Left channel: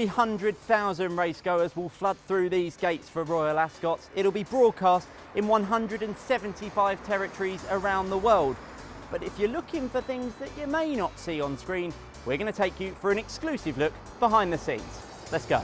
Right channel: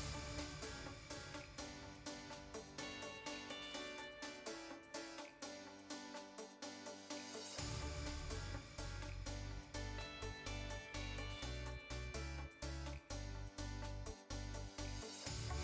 300,000 racegoers will flood through these gates for Royal Ascot. It'll be broadcast in 175 territories around the world. But if you're looking for things that you may not see on screen, we're going to take you for an exclusive look behind the scenes. Let's go.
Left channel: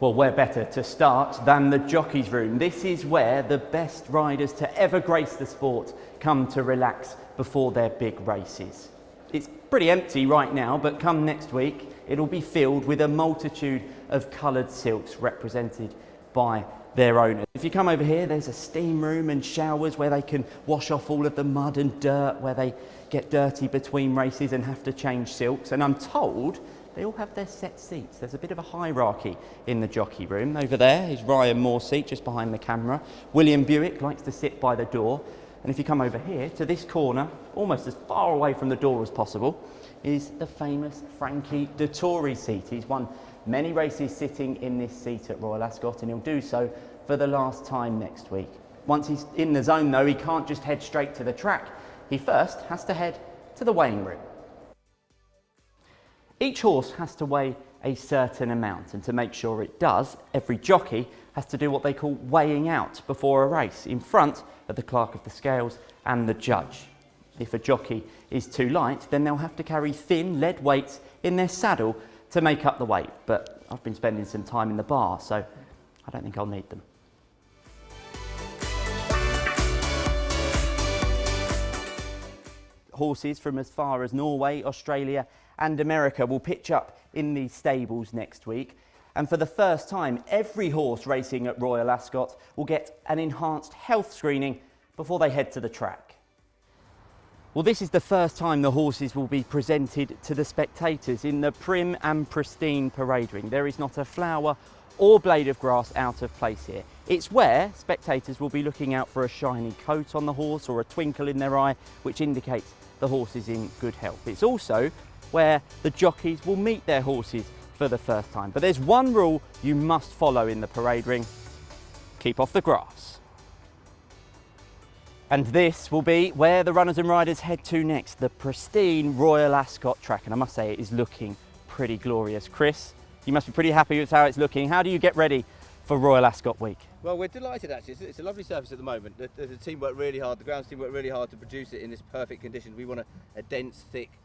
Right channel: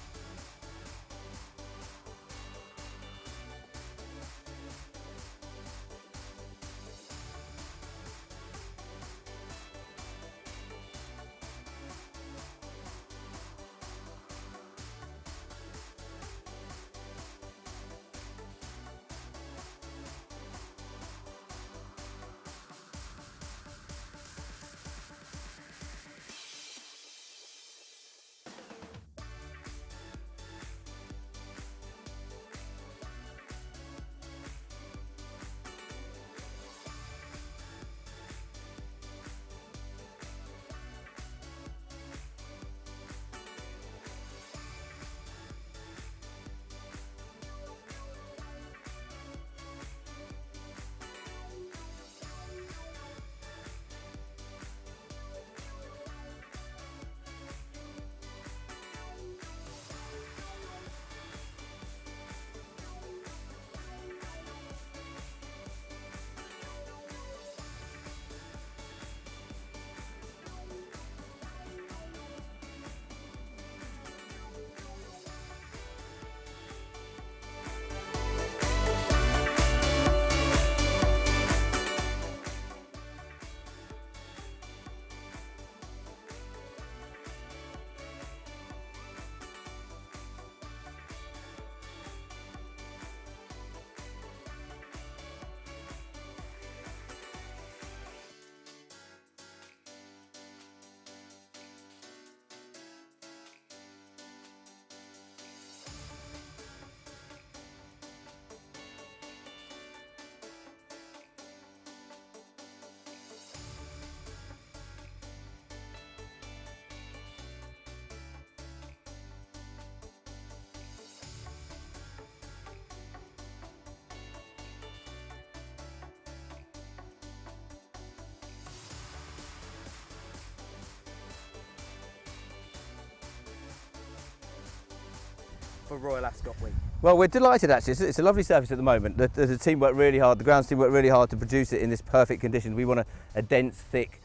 Well, where better to start than the jockey's room? This is where the best riders to ever grace the sport come to relax before their big races. It's pretty empty right now, but come next week, it'll be filled with a multitude of coloured silks represented by their owners. If you come over here, there's a steam room and showers where they can wash off all of the mud and dirt, where they get dirty between races and have to change silks. And I'm told they all have their set seats. There's a bit of a hierarchy in the jockey room. Over there is Ryan Moore's seat, just behind the camera. William Buick likes to sit by the door. And if you come over here to this corner, almost as far away from the door as possible, is the famous Frankie Dettori seat. He's won many races sitting in this seat at Royal Ascot, and he'll do so for the last time next week. Once he's in the zone though, he can't just head straight to the track. He first has to head to the weighing room. Each horse has to weigh a certain amount, and to make sure it does, every jockey has to do what they call weighing out before a race, in front of the clerk of the scales and the judge. If a jockey is too light, then they'll have to carry thin lead weights in their saddle to make up the weight, but I've been spending some time in the bar, so I don't think I'll need them. Horses from as far as Norway, Australia and America will pitch up in these stables next week, and for the first time every horse racing at Royal Ascot will get an enhanced health screening before they head to the track. Well, this is the first time the horses will be presented to the spectators in the prim and pristine parade ring. There is not a flower or blade of grass out of place here. It's where spectators will be looking out for a shiny coat on the horse or a twinkle in their eye, which indicates the horse is in good health. It's also where the jockeys will meet their horses for the first time. But there's one rule you must follow in the parade ring: keep off the grass. And this will be where the runners and riders head to next, the pristine Royal Ascot track. And I must say, it is looking pretty glorious. Chris, you must be pretty happy with how it's looking. How do you get ready for Royal Ascot week? Well, we're delighted actually. It's a lovely surface at the moment. The team worked really hard, the grounds team worked really hard to produce it in this perfect condition. We want a dense, thick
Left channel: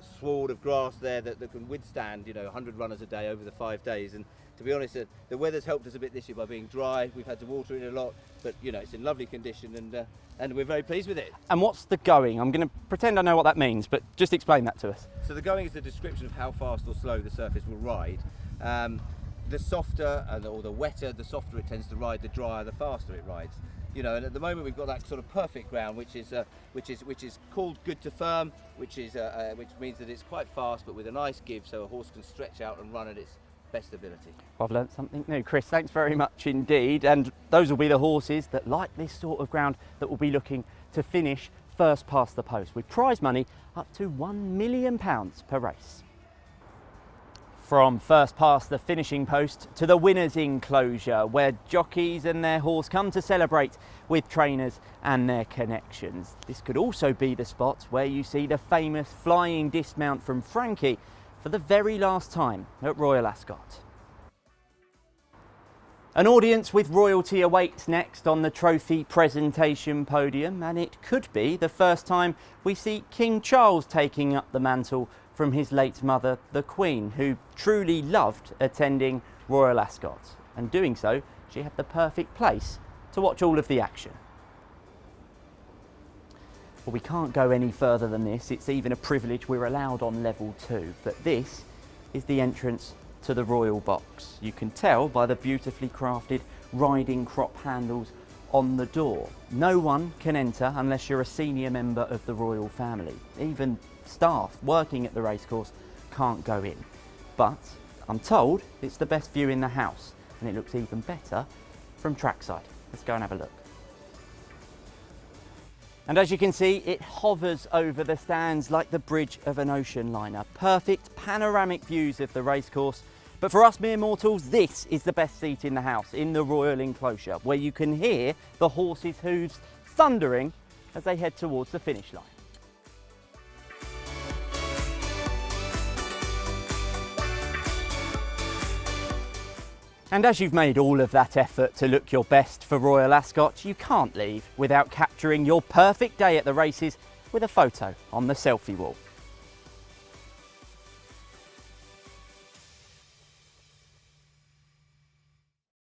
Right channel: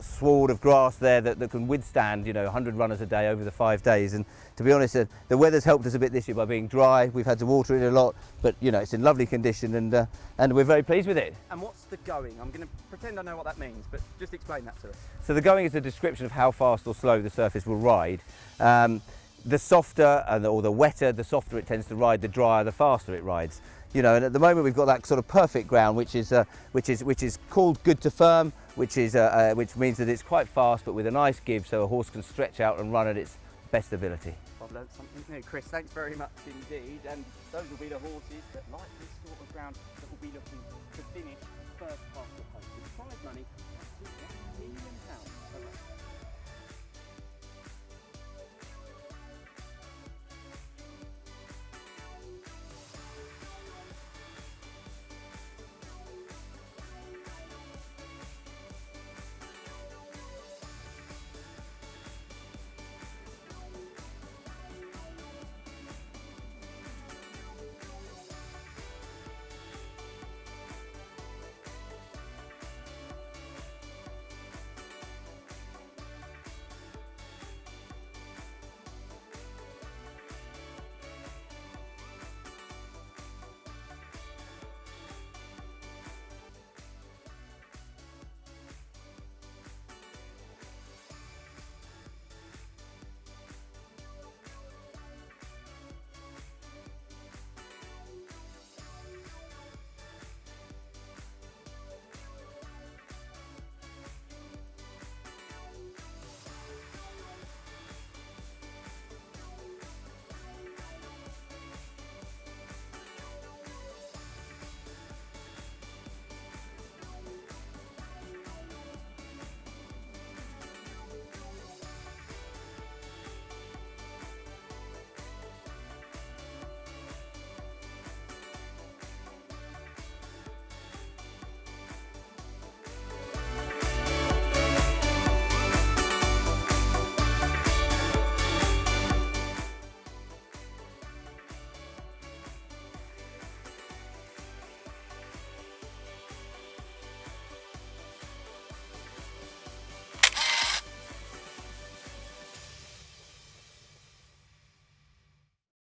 sward of grass there that can withstand, 100 runners a day over the 5 days. And to be honest, the weather's helped us a bit this year by being dry. We've had to water it a lot, but it's in lovely condition, and we're very pleased with it. And what's the going? I'm going to pretend I know what that means, but just explain that to us. So the going is a description of how fast or slow the surface will ride. The softer or the wetter, the softer it tends to ride, the drier, the faster it rides. And at the moment we've got that sort of perfect ground, which is called good to firm, which means that it's quite fast but with a nice give, so a horse can stretch out and run at its best ability. I've learnt something new. Chris, thanks very much indeed. And those will be the horses that like this sort of ground that will be looking to finish first past the post, with prize money up to £1 million per race. From first past the finishing post to the winner's enclosure, where jockeys and their horse come to celebrate with trainers and their connections. This could also be the spot where you see the famous flying dismount from Frankie for the very last time at Royal Ascot. An audience with royalty awaits next on the trophy presentation podium, and it could be the first time we see King Charles taking up the mantle from his late mother, the Queen, who truly loved attending Royal Ascot. And doing so, she had the perfect place to watch all of the action. But we can't go any further than this. It's even a privilege we're allowed on level 2. But this is the entrance to the royal box. You can tell by the beautifully crafted riding crop handles on the door. No one can enter unless you're a senior member of the royal family. Even staff working at the racecourse can't go in. But I'm told it's the best view in the house, and it looks even better from trackside. Let's go and have a look. And as you can see, it hovers over the stands like the bridge of an ocean liner. Perfect panoramic views of the racecourse, But for us mere mortals, this is the best seat in the house, in the Royal Enclosure, where you can hear the horses' hooves thundering as they head towards the finish line. And as you've made all of that effort to look your best for Royal Ascot, you can't leave without capturing your perfect day at the races with a photo on the selfie wall.